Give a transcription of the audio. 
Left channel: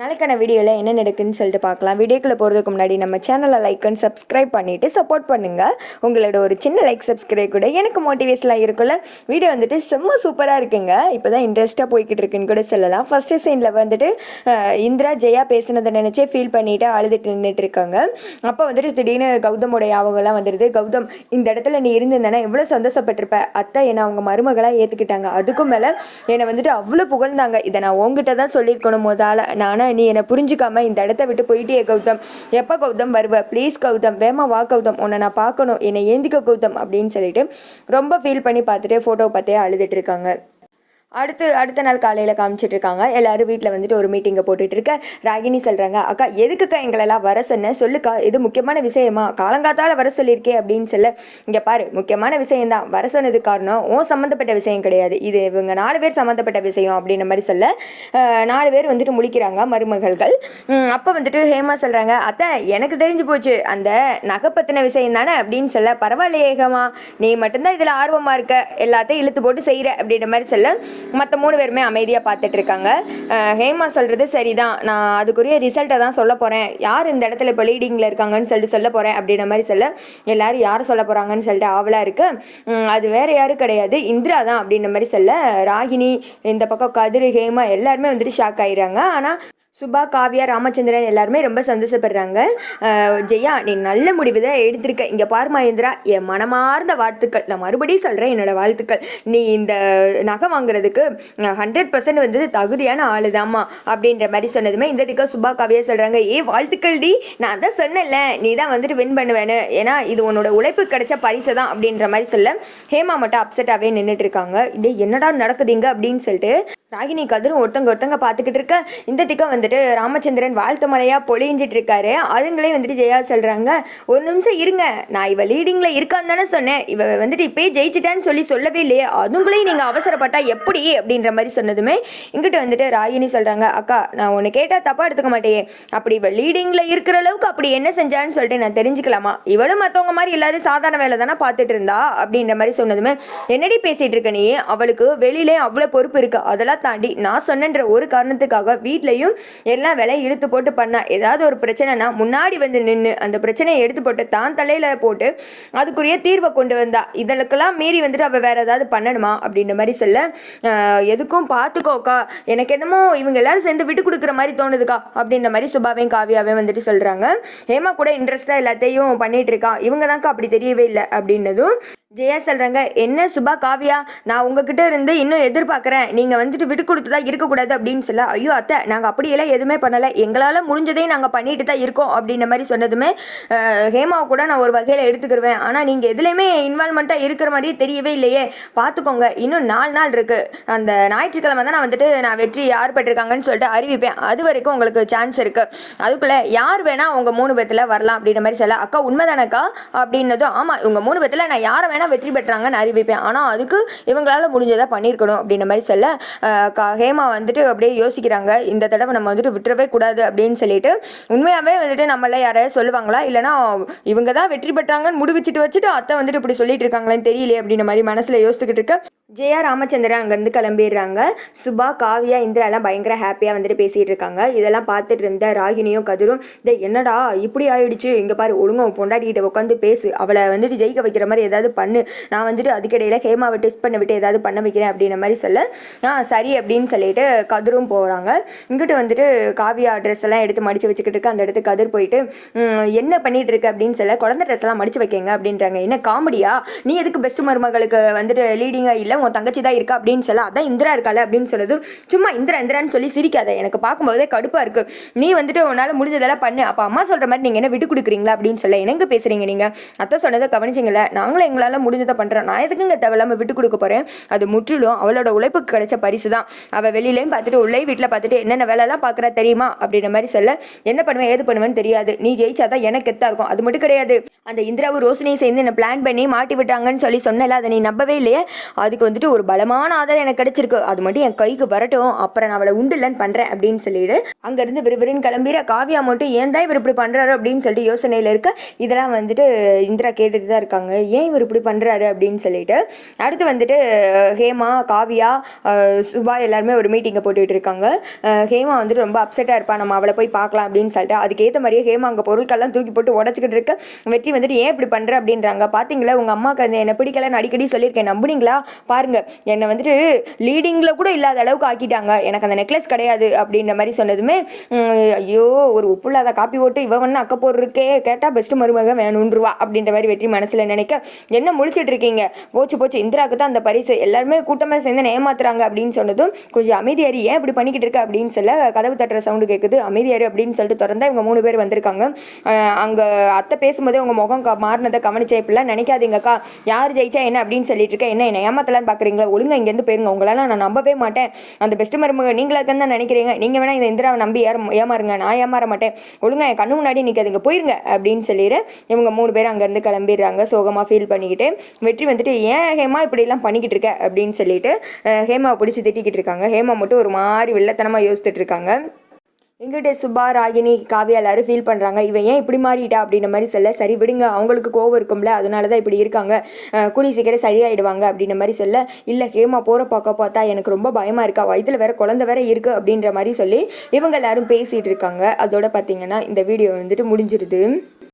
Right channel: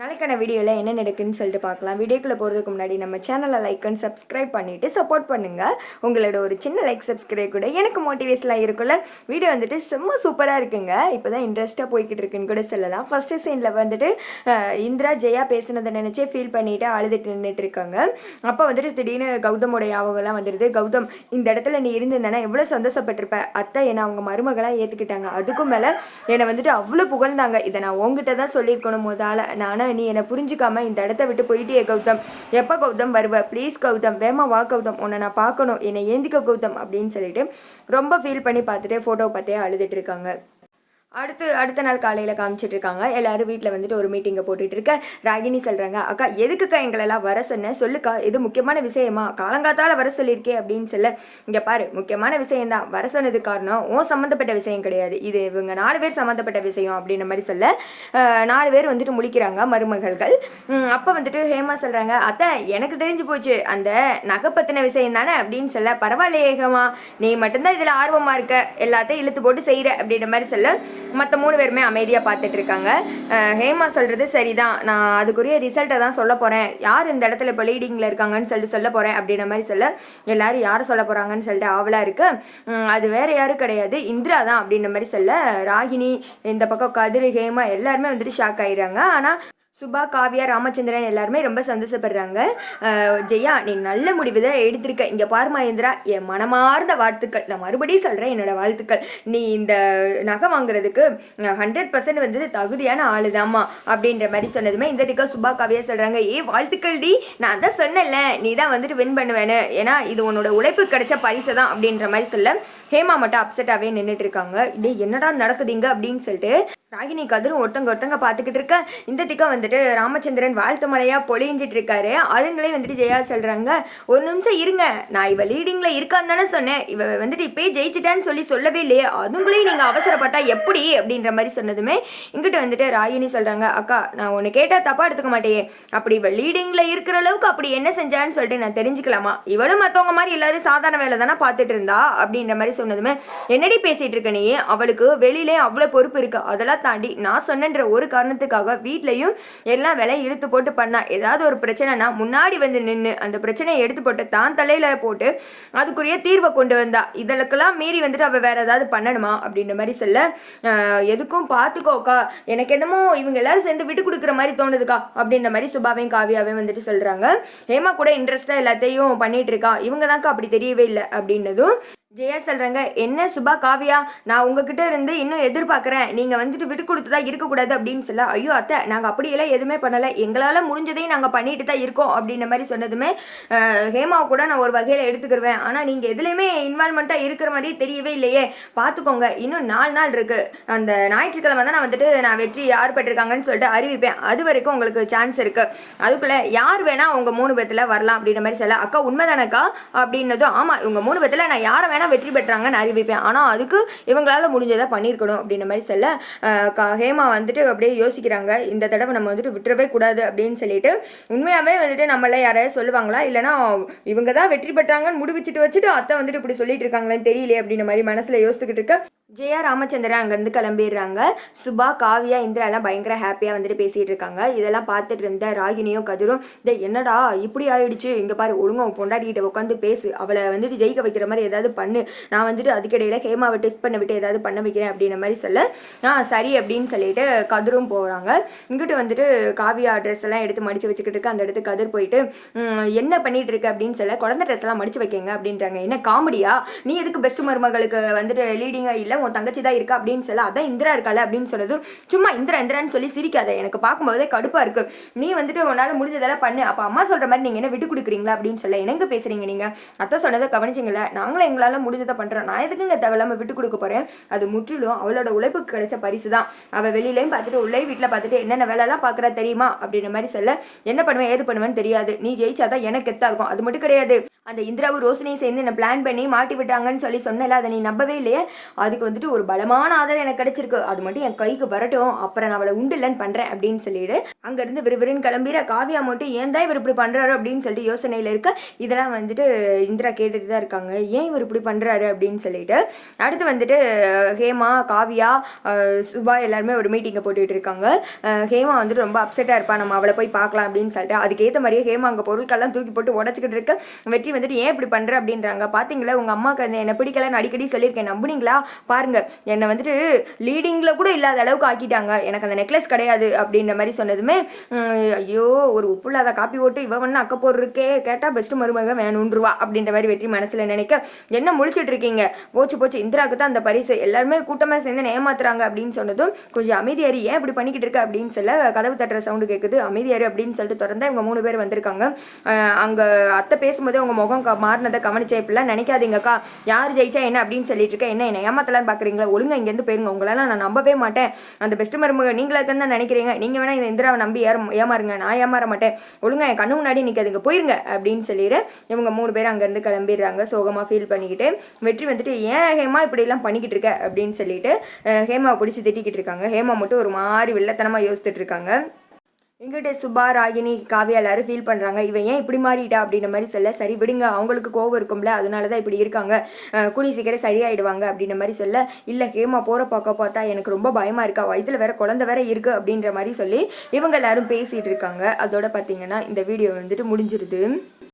நாளைக்கான வீடியோவில் என்ன நடக்குன்னு சொல்லிட்டு பார்க்கலாம். வீடியோக்குள்ளே போகிறதுக்கு முன்னாடி நம்ம சேனலை லைக் அண்ட் சப்ஸ்கிரைப் பண்ணிவிட்டு சப்போர்ட் பண்ணுங்கள் உங்களோட ஒரு சின்ன லைக் சப்ஸ்கிரைப் கூட எனக்கு மோட்டிவேஷனாக இருக்குல்ல வீடியோ வந்துட்டு செம்ம சூப்பராக இருக்குங்க. இப்போ தான் இன்ட்ரெஸ்ட்டாக போய்கிட்டு இருக்குன்னு கூட சொல்லலாம். ஃபஸ்ட்டு சீனில் வந்துட்டு இந்திரா ஜெயா பேசினதை நினச்சே ஃபீல் பண்ணிவிட்டு அழுதுட்டு நின்றுட்டு இருக்காங்க. அப்போ வந்துட்டு திடீர்னு கௌதமுடைய ஞாபகம்லாம் வந்துடுது கௌதம் இந்த இடத்துல நீ இருந்திருந்தேன்னா எவ்வளோ சந்தோஷப்பட்டிருப்ப? அத்தை என்னை அவங்க மருமகளாக ஏற்றுக்கிட்டாங்க அதுக்கும் மேலே என்னை வந்துட்டு அவ்வளோ புகழ்ந்தாங்க. இதை நான் உங்ககிட்ட தான் சொல்லியிருக்கணும் முதல்ல. நானும் நீ என்னை புரிஞ்சுக்காம இந்த இடத்த விட்டு போயிட்டே கௌதம். எப்போ கௌதம் வருவ? ப்ளீஸ் கௌதம். வேமா வா கௌதம். உன்னை நான் பார்க்கணும். என்னை ஏந்திக்க கௌதம் அப்படின்னு சொல்லிட்டு ரொம்ப ஃபீல் பண்ணி பார்த்துட்டு ஃபோட்டோ பார்த்தே அழுதுட்டு இருக்காங்க. அடுத்து அடுத்த நாள் காலையில் காமிச்சிட்டு இருக்காங்க எல்லாரும் வீட்டில் வந்துட்டு ஒரு மீட்டிங்கை போட்டுட்டு இருக்க ராகினி சொல்கிறாங்க அக்கா எதுக்குக்கா எங்களெல்லாம் வர சொன்ன? சொல்லுக்கா இது முக்கியமான விஷயமா? காலங்காத்தால் வர சொல்லியிருக்கே அப்படின்னு சொல்ல. இங்கே பாரு முக்கியமான விஷயம்தான். வர சொன்னது காரணம் ஓ சம்மந்தப்பட்ட விஷயம் கிடையாது. இது இவங்க நாலு பேர் சம்மந்தப்பட்ட விஷயம் அப்படின்ற மாதிரி சொல்ல. நாலு பேர் வந்துட்டு முழிக்கிறாங்க மருமகள்கள். அப்போ வந்துட்டு ஹேமா சொல்கிறாங்க அத்தை எனக்கு தெரிஞ்சு போச்சு. அந்த நகை பற்றின விஷயம் தானே? அப்படின்னு சொல்ல பரவாயில்லையே ஹேமா நீ மட்டும்தான் இதில் ஆர்வமாக இருக்க. எல்லாத்தையும் இழுத்து போட்டு செய்கிற அப்படின்ற மாதிரி சொல்ல. மற்ற மூணு பேருமே அமைதியாக பார்த்துட்டு இருக்காங்க ஹேமா சொல்கிறது சரிதான். நான் அதுக்குரிய ரிசல்ட்டை தான் சொல்ல போகிறேன் யார் இந்த இடத்துல இப்போ லீடிங்கில் இருக்காங்கன்னு சொல்லிட்டு சொல்ல போகிறேன் அப்படின்ற மாதிரி சொல்ல எல்லாரும் யார் சொல்ல போகிறாங்கன்னு சொல்லிட்டு ஆவலாக இருக்குது அது வேறு யாரும் கிடையாது. இந்திரா தான் அப்படின்ற மாதிரி சொல்ல ராகினி இந்த பக்கம் கதிர் ஹேமா எல்லாருமே வந்துட்டு ஷாக் ஆயிடுறாங்க. ஆனால் சுபா காவியா ராமச்சந்திரன் எல்லாருமே ரொம்ப சந்தோஷப்படுறாங்க. ஜெயா நீ நல்ல முடிவு தான் எடுத்திருக்க. இங்கே பார் மகேந்திரா என் மனமார்ந்த வாழ்த்துக்கள். நான் மறுபடியும் சொல்கிறேன் என்னோட வாழ்த்துக்கள். நீ இந்த நகை வாங்குறதுக்கு ஹண்ட்ரட் பர்சன்ட் வந்து தகுதியான ஆள் தாம்மா அப்படின்ற மாதிரி சொன்னதுமே இந்த திக்கா சுபா காவியா சொல்கிறாங்க ஏ வாழ்த்துக்கள் டி. நான் தான் சொன்னேன்ல நீ தான் வந்துட்டு வின் பண்ணுவேன்னு. ஏன்னா இது உன்னோட உழைப்பு கிடைச்ச பரிசு தான் அப்படின்ற மாதிரி சொல்ல ஹேமா மட்டும் அப்செட்டாகவே நின்றுட்டு இருக்காங்க. டே என்னடா நடக்குதுங்க அப்படின்னு சொல்லிட்டு ராகினி கதிரும் ஒருத்தங்க ஒருத்தங்க பார்த்துக்கிட்டு இருக்க. இந்த திக்கம் வந்துட்டு ராமச்சந்திரன் வாழ்த்து மலையாக பொழிஞ்சிட்டு இருக்காரு. அதுங்களே வந்துட்டு ஜெயா சொல்கிறாங்க ஒரு நிமிஷம் இருங்க. நான் இவ லீடிங்கில் இருக்கான்னு தானே சொன்னேன். இவ வந்துட்டு இப்போயே ஜெயிச்சிட்டான்னு சொல்லி சொல்லவே இல்லையே. அதுங்களே நீங்கள் அவசரப்பட்டா எப்படி? அப்படின்ற மாதிரி சொன்னதுமே இங்கிட்ட வந்துட்டு ராகினி சொல்கிறாங்க அக்கா நான் உன்னை கேட்டால் தப்பாக எடுத்துக்க மாட்டேயே. அப்படி இவ லீடிங்கில் இருக்கிற அளவுக்கு அப்படி என்ன செஞ்சான்னு சொல்லிட்டு நான் தெரிஞ்சுக்கலாமா? இவளும் மற்றவங்க மாதிரி இல்லாத சாதாரண வேலை தானே பார்த்துட்டு இருந்தா? அப்படின்ற மாதிரி சொன்னதுமே என்னடி பேசிகிட்டு இருக்க நீ? அவளுக்கு வெளியிலே அவ்வளோ பொறுப்பு இருக்குது அதெல்லாம் தாண்டி நான் சொன்னன்ற ஒரு காரணத்துக்காக வீட்லேயும் எல்லா வேலையும் இழுத்து போட்டு பண்ணா. ஏதாவது ஒரு பிரச்சனைனா முன்னாடி வந்து நின்று அந்த பிரச்சனையை எடுத்து போட்டு தான் தலையில் போட்டு அதுக்குரிய தீர்வை கொண்டு வந்தா. இதற்கெல்லாம் மீறி வந்துட்டு அவள் வேற ஏதாவது பண்ணணுமா? அப்படின்ற மாதிரி சொல்ல எதுக்கும் பார்த்துக்கோக்கா எனக்கு என்னமோ இவங்க எல்லாரும் சேர்ந்து விட்டு கொடுக்குற மாதிரி தோணுதுக்கா. அப்படின்ற மாதிரி சுபாவையும் காவியாவையும் வந்துட்டு சொல்கிறாங்க ஹேமா கூட இன்ட்ரெஸ்ட்டாக எல்லாத்தையும் பண்ணிட்டு இருக்கா. இவங்க தான்க்கா அப்படி தெரியவே இல்லை அப்படின்னதும் ஜெயா சொல்கிறாங்க என்ன சுபா காவியா? நான் உங்ககிட்ட இருந்து இன்னும் எதிர்பார்க்குறேன். நீங்கள் வந்துட்டு விட்டு கொடுத்து தான் இருக்கக்கூடாது அப்படின்னு சொல்ல ஐயோ அத்தை நாங்கள் அப்படியெல்லாம் எதுவுமே பண்ணலை. எங்களால் முடிஞ்சதையும் நாங்கள் பண்ணிட்டு தான் இருக்கோம் அப்படின்ற மாதிரி சொன்னதுமே ஹேமாவை கூட நான் ஒரு வகையில் எடுத்துக்கிருவேன். ஆனால் நீங்கள் எதுலேயுமே இன்வால்மெண்ட்டாக இருக்கிற மாதிரியே தெரியவே இல்லையே. பார்த்துக்கோங்க இன்னும் நாலு நாள் இருக்குது அந்த ஞாயிற்றுக்கிழமை தான் நான் வந்துட்டு நான் வெற்றி யார் பெற்றிருக்காங்கன்னு சொல்லிட்டு அறிவிப்பேன். அது வரைக்கும் உங்களுக்கு சான்ஸ் இருக்குது அதுக்குள்ளே யார் வேணால் உங்கள் மூணு பேத்தில் வரலாம் அப்படின்ற மாதிரி சொல்ல அக்கா உண்மைதானக்கா? அப்படின்னதும் ஆமாம் உங்கள் மூணு பேத்தில் நான் யாரை வேணால் வெற்றி பெற்றாங்கன்னு அறிவிப்பேன். ஆனால் அதுக்கு இவங்களால முடிஞ்சதாக பண்ணியிருக்கணும் அப்படின்ற மாதிரி சொல்ல கா ஹேமா வந்துட்டு அப்படியே யோசிக்கிறாங்க. இந்த தடவை நம்ம வந்துட்டு விட்டுறவே கூடாது அப்படின்னு சொல்லிட்டு உண்மையாகவே வந்துட்டு நம்மள யாராவது சொல்லுவாங்களா? இல்லைனா இவங்க தான் வெற்றி பெற்றாங்கன்னு முடிவச்சிட்டு வச்சுட்டு அத்தை வந்துட்டு இப்படி சொல்லிட்டு இருக்காங்களேன்னு தெரியலையே அப்படின்ற மாதிரி மனசில் யோசித்துக்கிட்டு இருக்க. ஜெயா ராமச்சந்திரன் அங்கேருந்து கிளம்பிடுறாங்க. சுபா காவியா இந்திராலாம் பயங்கர ஹாப்பியாக வந்துட்டு பேசிகிட்டு இருக்காங்க. இதெல்லாம் பார்த்துட்டு இருந்த ராகினியும் கதிரும் இதை என்னடா இப்படி ஆயிடுச்சு? இங்கே பாரு ஒழுங்கா பொண்டாட்டிகிட்ட உட்காந்து பேசு. அவளை வந்துட்டு ஜெயிக்க வைக்கிற மாதிரி ஏதாவது பண்ணு. நான் வந்துட்டு அதுக்கிடையில் ஹேமாவை டெஸ்ட் பண்ண விட்டு ஏதாவது பண்ண வைக்கிறேன் அப்படின்ற மாதிரி சொல்ல ஆ சரி அப்படின்னு சொல்லிட்டு கதிரும் போகிறாங்க இங்கிட்டு வந்துட்டு காவியா ட்ரெஸ் எல்லாம் எடுத்து மடித்து வச்சுக்கிட்டு இருக்கு. அந்த இடத்துக்கு கதிர் போயிட்டு என்ன பண்ணிட்டு இருக்கு? அப்படின்னு சொல்ல குழந்தை ட்ரெஸ் எல்லாம் மடிச்சு வைக்கங்க அப்படின்றாங்க. என்ன காமெடியா? நீ எதுக்கு பெஸ்ட் மருமகளுக்கு வந்துட்டு லீடிங்காக இல்லை உன் தங்கச்சி தான் இருக்கா அப்படின்னு சொல்ல அதான் இந்திரா இருக்காள் அப்படின்னு சொல்லுது சும்மா இந்திரா இந்திரான்னு சொல்லி சிரிக்காத எனக்கு பார்க்கும்போதே கடுப்பாக இருக்கு. நீ வந்துட்டு உன்னால் முடிஞ்சதெல்லாம் பண்ணு. அப்போ அம்மா சொல்கிற மாதிரி நீங்கள் என்ன விட்டு கொடுக்குறீங்களா அப்படின்னு சொல்ல என்னங்க பேசுகிறீங்க நீங்கள் அத்தை சொன்னதை கவனிச்சிங்கள நாங்களும் எங்களால் முடிஞ்சதை பண்ணுறோம் நான் எதுக்குங்க தேவையில்லாமல் விட்டு கொடுக்க போகிறேன் அது முற்றிலும் அவளோட உழைப்புக்கு கிடைச்ச பரிசு தான் அவள் வெளியிலையும் பார்த்துட்டு உள்ளே வீட்டில் பார்த்துட்டு என்னென்ன வேலைலாம் பார்க்குறா தெரியுமா? அப்படின்ற மாதிரி சொல்ல என்ன பண்ணுவேன் ஏது பண்ணுவேன்னு தெரியாது. நீ ஜெயிச்சாதான் எனக்கு கெத்தாக இருக்கும். அது மட்டும் கிடையாது. அந்த இந்திராவும் ரோஷினியும் சேர்ந்து என்னை பிளான் பண்ணி மாட்டி விட்டாங்கன்னு சொல்லி சொன்னல அதை நீ நம்பவே இல்லையே? அதுக்கு வந்துட்டு ஒரு பலமான ஆதாரம் எனக்கு கிடைச்சிருக்கு. அது மட்டும் என் கைக்கு வரட்டும். அப்புறம் நான் அவளை உண்டு இல்லைன்னு பண்ணுறேன் அப்படின்னு சொல்லிட்டு அங்கேருந்து விறுவிறுன்னு கிளம்பிற காவியா மட்டும் ஏன் தான் இவர் இப்படி பண்ணுறாரு அப்படின்னு சொல்லிட்டு யோசனையில் இருக்க இதெல்லாம் வந்துட்டு இந்திரா கேட்டுட்டு தான் இருக்காங்க. ஏன் இவர் இப்படி பண்ணுறாரு அப்படின்னு சொல்லிட்டு அடுத்து வந்துட்டு ஹேமா காவியா சுபா எல்லாருமே ஒரு மீட்டிங்கை போட்டுட்டு இருக்காங்க. ஹேமா வந்துட்டு ரொம்ப அப்செட்டாக இருப்பா. நம்ம அவளை போய் பார்க்கலாம் அப்படின்னு சொல்லிட்டு. அதுக்கேற்ற மாதிரியே ஹேமா அங்கே பொருட்கள்லாம் தூக்கி போட்டு உடச்சிக்கிட்டு இருக்க. வெற்றி வந்துட்டு ஏன் இப்படி பண்ணுற அப்படின்றாங்க. பார்த்தீங்களா உங்கள் அம்மாவுக்கு அந்த என்னை பிடிக்கலன்னு அடிக்கடி சொல்லியிருக்கேன். நம்புனீங்களா? பாருங்கள் என்னை வந்துட்டு லீடிங்கில் கூட இல்லாத அளவுக்கு ஆக்கிட்டாங்க. எனக்கு அந்த நெக்லஸ் கிடையாது. அப்படின்ற மாதிரி சொன்னதுமே ஐயோ ஒரு உப்பு இல்லாத காப்பி போட்டு இவன் ஒன்று அக்க போடுறக்கே கேட்டால் பெஸ்ட்டு மருமக வேணுன்றுவா. அப்படின்ற மாதிரி வெற்றி மனசில் நினைக்க என்ன முழிச்சிட்டு இருக்கீங்க? போச்சு போச்சு. இந்திராவுக்கு தான் அந்த பரிசு. எல்லாருமே கூட்டமாக சேர்ந்து ஏமாத்துறாங்க. அப்படின்னு சொன்னதும் கொஞ்சம் அமைதியாரி ஏன் இப்படி பண்ணிக்கிட்டு இருக்க? அப்படின்னு சொல்ல கதவு தட்டுற சவுண்டு கேட்குது அமைதியாரு அப்படின்னு சொல்லிட்டு திறந்தா இவங்க மூணு பேர் வந்திருக்காங்க. அங்கே அத்தை பேசும்போதே அவங்க முகம் மாறினதை கவனிச்சே இப்படிலாம் நினைக்காதீங்கக்கா. யார் ஜெயிச்சா என்ன அப்படின்னு சொல்லிட்டு இருக்கேன். என்ன என்ன ஏமாத்தலான்னு பார்க்குறீங்களா ஒழுங்கா இங்கேருந்து போயிருங்க. உங்களால் நான் நம்பவே மாட்டேன். அந்த பெஸ்ட் மருமக நீங்களா தான் நினைக்கிறீங்க. நீங்கள் வேணா இந்த இந்திராவை நம்பி ஏற ஏமாறுங்க. நான் ஏமாற மாட்டேன். ஒழுங்காக என் கண்ணு முன்னாடி நிற்காதுங்க போயிருங்க அப்படின்னு சொல்லிடு இவங்க மூணு பேர் அங்கேருந்து கிளம்பிடுறாங்க. சோகமாக ஃபீல் பண்ணிக்கிட்டு வெற்றி வந்துட்டு ஏன் ஹேமா இப்படிலாம் பண்ணிக்கிட்டு இருக்க? அப்படின்னு சொல்லிட்டு ஹேமாவை பிடிச்சி திட்டிக்கிட்டு இருக்காங்க. ஹேமா மட்டும் ஒரு மாதிரி வெள்ளத்தனமாக யோசித்துட்டு இருக்காங்க. எங்கிட்ட சுபா ராகினி காவியா எல்லாரும் ஃபீல் பண்ணுறாங்க இவன் ஏன் இப்படி மாறிட்டா அப்படின்ற மாதிரி சொல்ல சரி விடுங்க அவங்களுக்கு கோவம் இருக்கும்ல அதனால தான் இப்படி இருக்காங்க. அஹ் சீக்கிரம் சரியாயிடுவாங்க அப்படின்ற மாதிரி சொல்ல இல்லை ஹேமா போகிற பக்கம் பார்த்தா எனக்கு ரொம்ப பயமாக இருக்கா? வயிற்றில் வேற குழந்தை வேற இருக்குது அப்படின்ற மாதிரி சொல்லி இவங்க எல்லாரும் பேசிகிட்டு இருக்காங்க. அதோட பார்த்தீங்கன்னா இந்த வீடியோ வந்துட்டு முடிஞ்சிருது.